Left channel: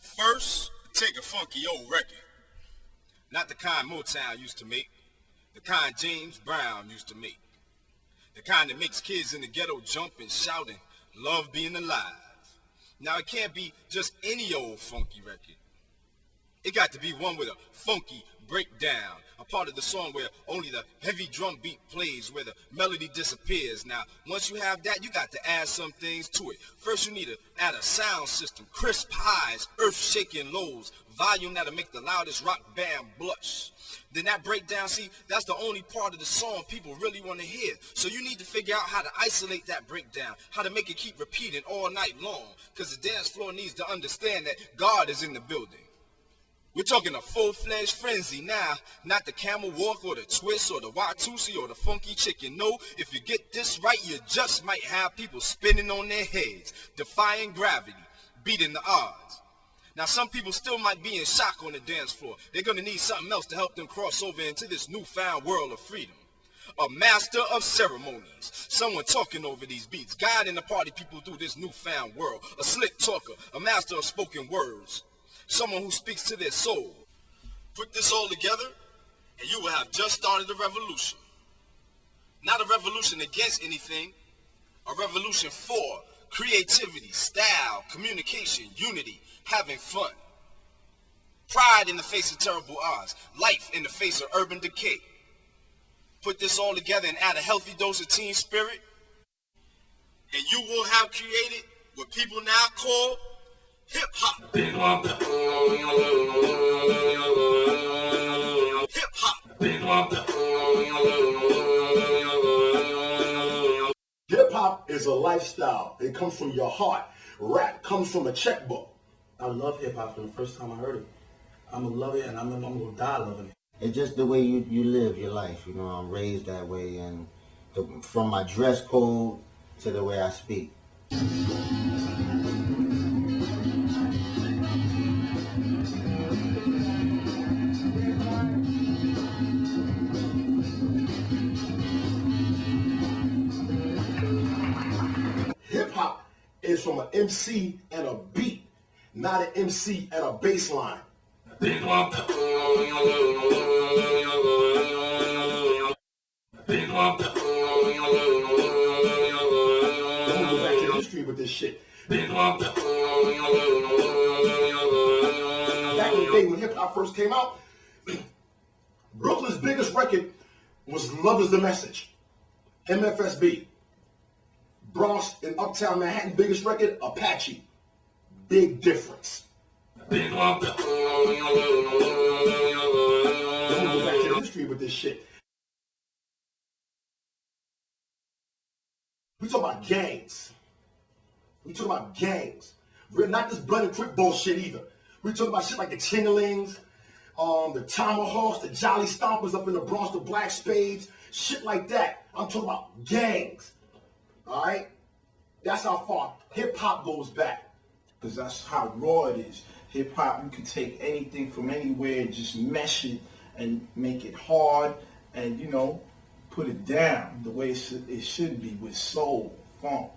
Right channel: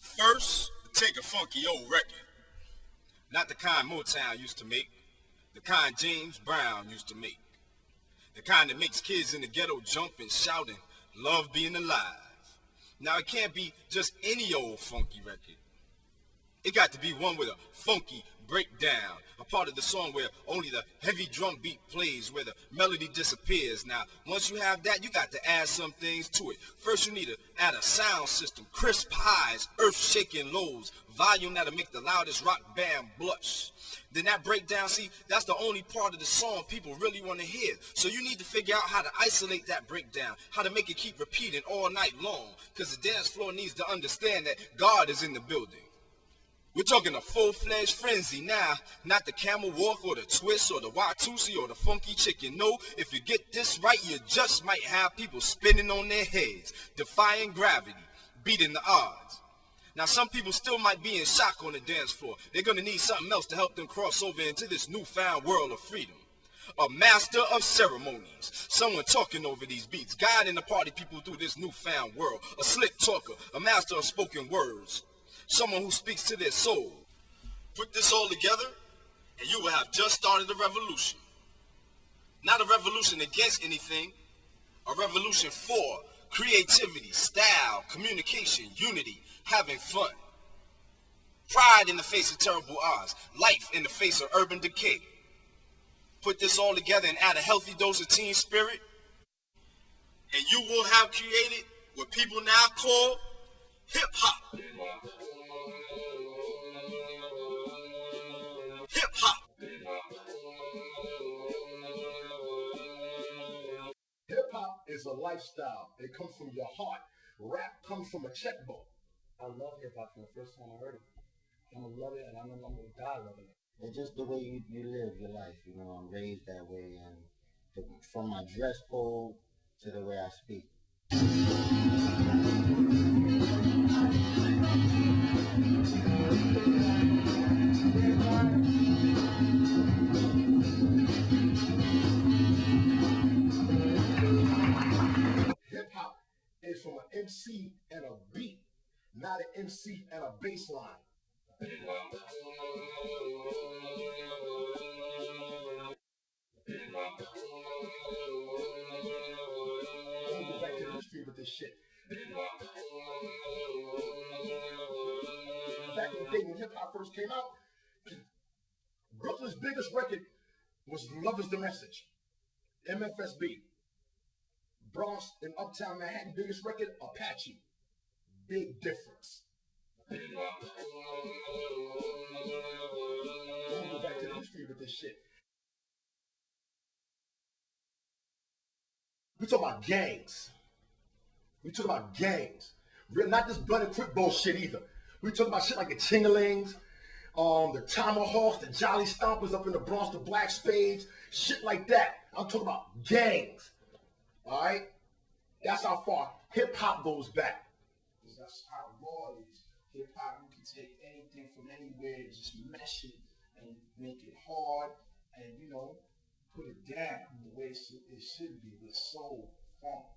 First, take a funky old record. Not the kind Motown used to make, the kind James Brown used to make. The kind that makes kids in the ghetto jump and shout and love being alive. Now it can't be just any old funky record. It got to be one with a funky breakdown, a part of the song where only the heavy drum beat plays, where the melody disappears. Now, once you have that, you got to add some things to it. First, you need to add a sound system, crisp highs, earth-shaking lows, volume that'll make the loudest rock band blush. Then that breakdown, see, that's the only part of the song people really want to hear. So you need to figure out how to isolate that breakdown, how to make it keep repeating all night long, because the dance floor needs to understand that God is in the building. We're talking a full-fledged frenzy now, not the camel walk or the twist or the Watusi or the funky chicken. No, if you get this right, you just might have people spinning on their heads, defying gravity, beating the odds. Now, some people still might be in shock on the dance floor. They're going to need something else to help them cross over into this newfound world of freedom. A master of ceremonies, someone talking over these beats, guiding the party people through this newfound world. A slick talker, a master of spoken words. Someone who speaks to their soul. Put this all together, and you will have just started a revolution. Not a revolution against anything, a revolution for creativity, style, communication, unity, having fun. Pride in the face of terrible odds, life in the face of urban decay. Put this all together and add a healthy dose of team spirit, and you will have created what people now call hip-hop. Hip-hop. Hip-hop is a lifestyle. It comes from your heart. Rap comes from a checkbook. I love hip-hop from the first time I heard it. I'm going to love it, and I'm going to die loving it. It's just the way you live your life. You know, I'm raised that way, and from my dress code to the way I speak. Hip-hop is from an MC and a beat, not an MC and a bass line. Hip-hop. Hip-hop. Don't go back to the history with this shit. Hip-hop. Back in the day when hip-hop first came out, Brooklyn's biggest record was Love Is the Message, MFSB. Bronx and Uptown Manhattan biggest record, Apache. Big difference. Hip-hop. Don't go back to the history with this shit. We talk about gangs. We're not this blood and quick bullshit either. We talk about shit like the Chingalings, the Tomahawks, the Jolly Stompers up in the Bronx, the Black Spades, shit like that. I'm talking about gangs. All right? That's how far hip-hop goes back. Because that's how raw it is. Hip-hop, you can take anything from anywhere and just mesh it and make it hard and, you know, put it down the way it should be with soul, funk.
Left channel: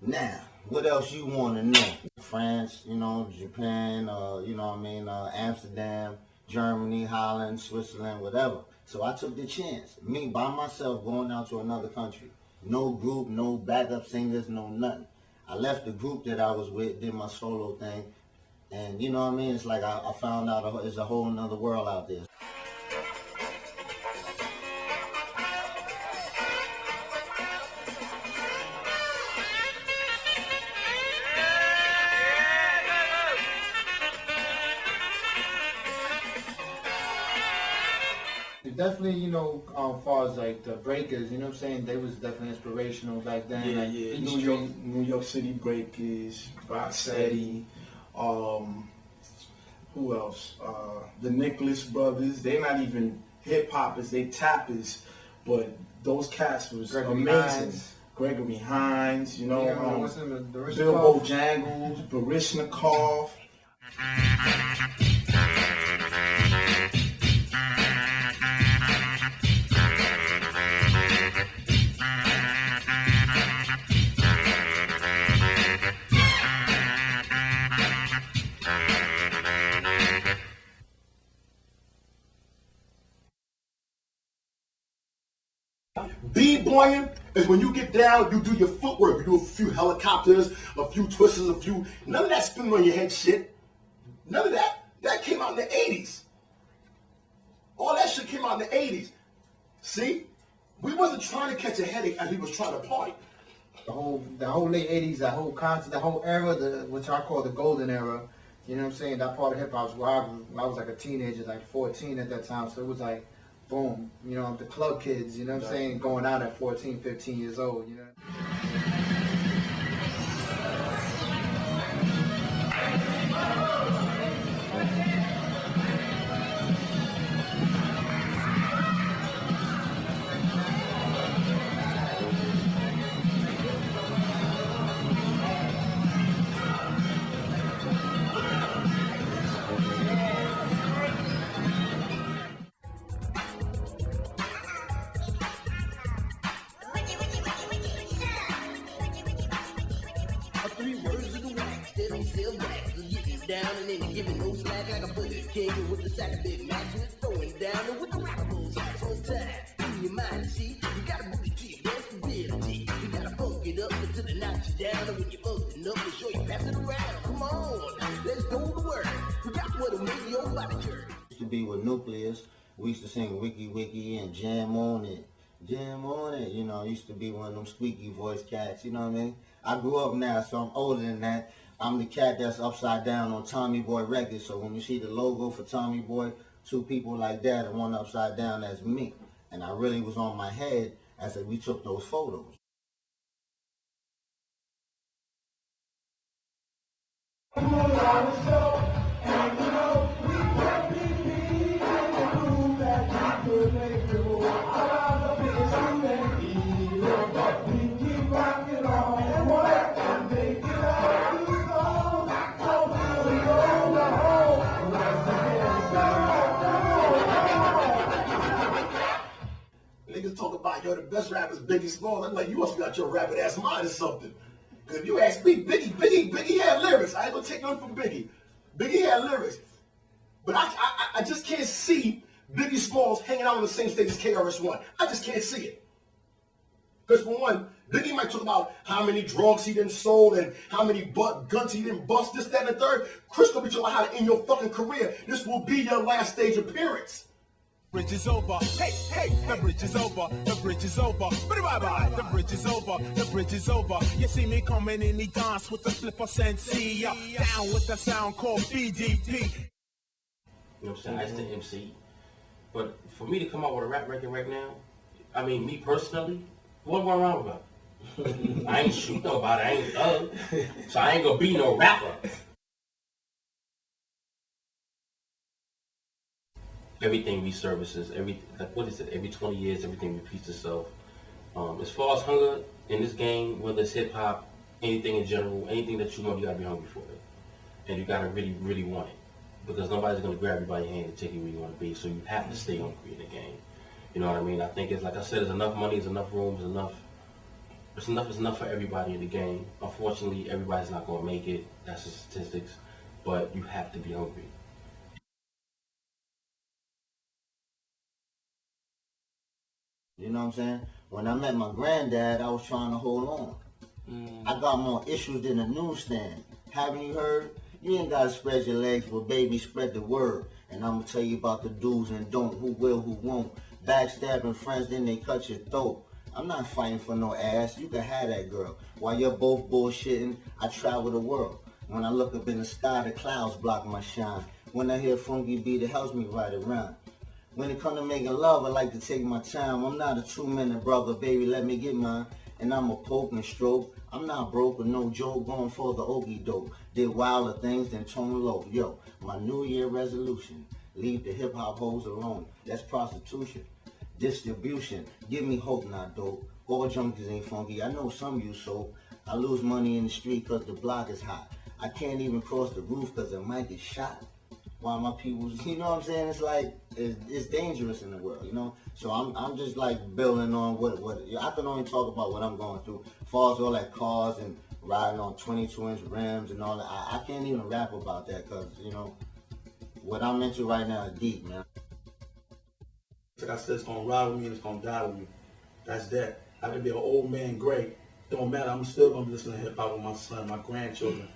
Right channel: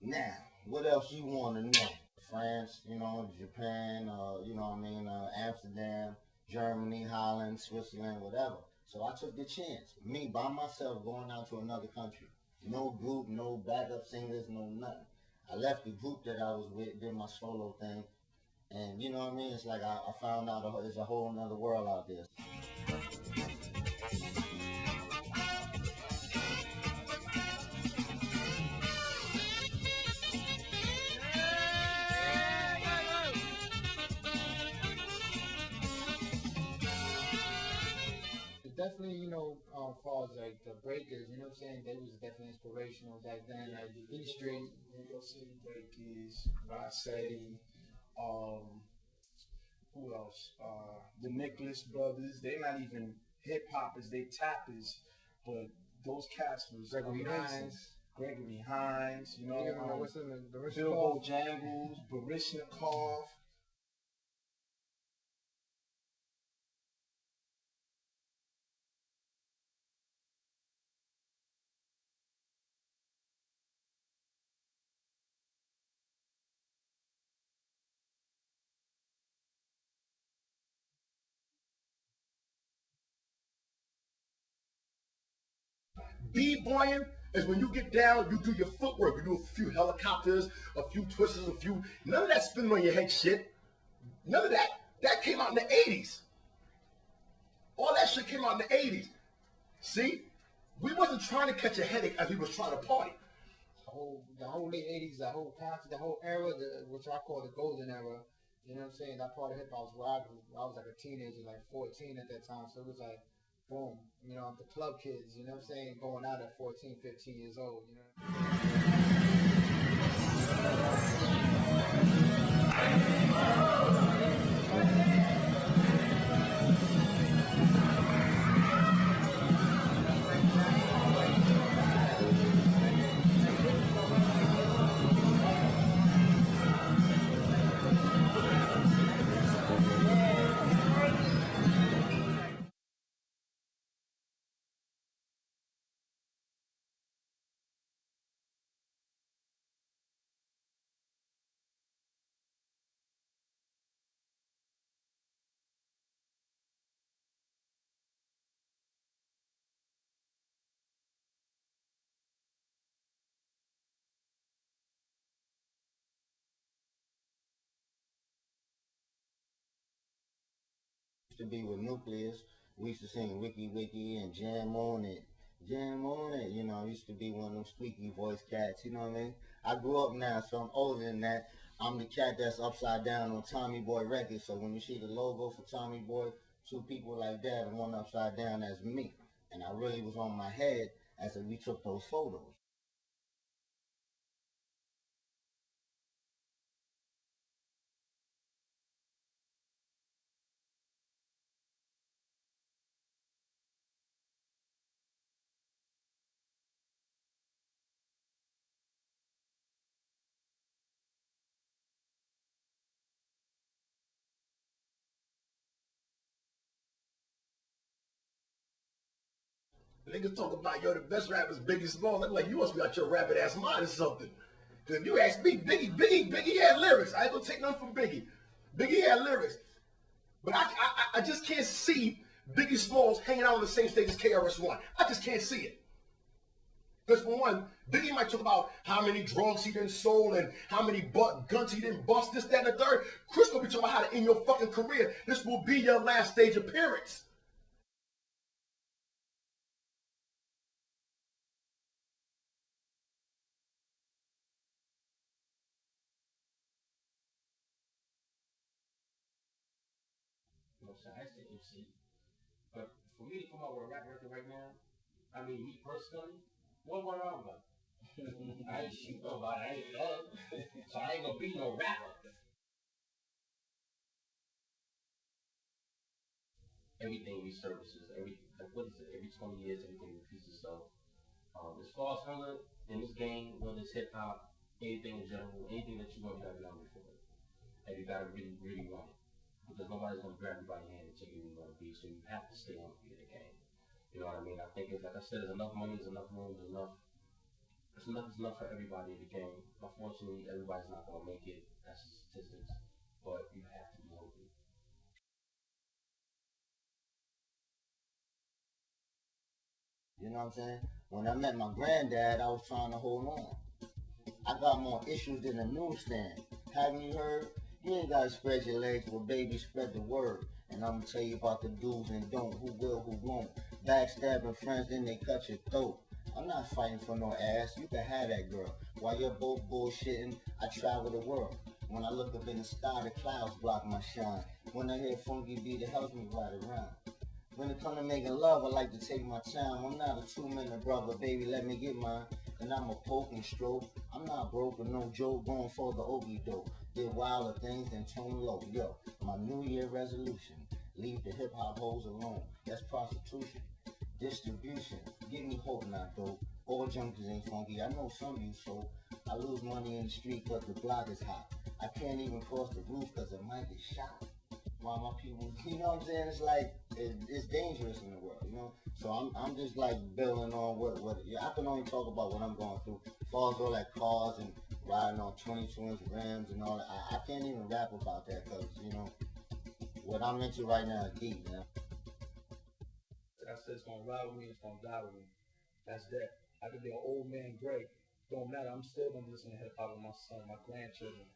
Now, what else you want to know? France, you know, Japan, you know what I mean, Amsterdam, Germany, Holland, Switzerland, whatever. So I took the chance. Me, by myself, going out to another country. No group, no backup singers, no nothing. I left the group that I was with, did my solo thing, and you know what I mean? It's like I found out there's a whole nother world out there. Definitely, you know, as far as like the breakers, you know what I'm saying? They was definitely inspirational back then. Yeah, like, yeah. New York City Breakers, Rocksteady, who Who else? The Nicholas brothers. They're not even hip hoppers. They tappers. But those cats was Gregory amazing. Hines. Gregory Hines, you know, what's his name? Bilbo Jangles, Barishnikov. B-boying is when you get down, you do your footwork. You do a few helicopters, a few twisters, none of that spinning on your head shit. None of that. That came out in the 80s. All that shit came out in the 80s. See? We wasn't trying to catch a headache as we was trying to party. The whole late 80s, that whole concept, the whole era, which I call the golden era, you know what I'm saying? That part of hip hop was where I was like a teenager, like 14 at that time. So it was like, boom, you know, the club kids, you know what I'm saying, going out at 14, 15 years old, you know. Used to be with Nucleus. We used to sing Wiki Wiki and Jam on It. Jam on It, you know, used to be one of them squeaky voice cats, you know what I mean? I grew up now, so I'm older than that. I'm the cat that's upside down on Tommy Boy Records, so when you see the logo for Tommy Boy, two people like that and one upside down, that's me. And I really was on my head as we took those photos. Niggas talk about, yo, the best rappers, Biggie Smalls. I'm like, you must be out your rabbit ass mind or something. Because if you ask me, Biggie had lyrics. I ain't gonna take nothing from Biggie. Biggie had lyrics. But I just can't see Biggie Smalls hanging out on the same stage as Krs-One. I just can't see it. Because for one, Biggie might talk about how many drugs he done sold and how many guns he didn't bust, this, that, and the third. Chris gonna be talking about how to end your fucking career. This will be your last stage appearance. Bridge is over. Hey, hey, the bridge is over. The bridge is over. Bye-bye. The bridge is over. The bridge is over. You see me coming in the dance with the flipper sensei. Down with the sound called BDP. You know what I'm saying? I used to MC. But for me to come out with a rap record right now, I mean, me personally, what am I wrong about? I ain't shoot nobody. I ain't thug. So I ain't gonna be no rapper. Everything resurfaces, every 20 years, everything repeats itself. As far as hunger in this game, whether it's hip hop, anything in general, anything that you want, you gotta be hungry for it. And you gotta really, really want it. Because nobody's gonna grab you by your hand and take you where you wanna be, so you have to stay hungry in the game. You know what I mean? I think it's, like I said, there's enough money, there's enough rooms, it's enough for everybody in the game. Unfortunately, everybody's not gonna make it, that's the statistics, but you have to be hungry. You know what I'm saying? When I met my granddad, I was trying to hold on. I got more issues than a newsstand. Haven't you heard? You ain't gotta spread your legs, but baby, spread the word. And I'm gonna tell you about the do's and don't, who will, who won't. Backstabbing friends, then they cut your throat. I'm not fighting for no ass. You can have that girl. While you're both bullshitting, I travel the world. When I look up in the sky, the clouds block my shine. When I hear funky beat, it helps me ride around. When it comes to making love, I like to take my time. I'm not a 2-minute brother, baby, let me get mine. and I'm a poke and stroke. I'm not broke with no joke, going for the okie doke. Did wilder things than tone low. Yo, my New Year resolution, leave the hip hop hoes alone. That's prostitution. Distribution, give me hope, not dope. All junkies ain't funky, I know some you so. I lose money in the street cause the block is hot. I can't even cross the roof cause I might get shot. While my people, you know what I'm saying? It's like, it's dangerous in the world, you know? So I'm just like building on what I can only talk about what I'm going through. As far as all that cars and riding on 22-inch rims and all that, I can't even rap about that cause, you know, what I'm into right now is deep, man. Like I said, it's gonna ride with me and it's gonna die with me. That's that. I can be an old man great. Don't matter, I'm still gonna be listening to hip hop with my son, my grandchildren.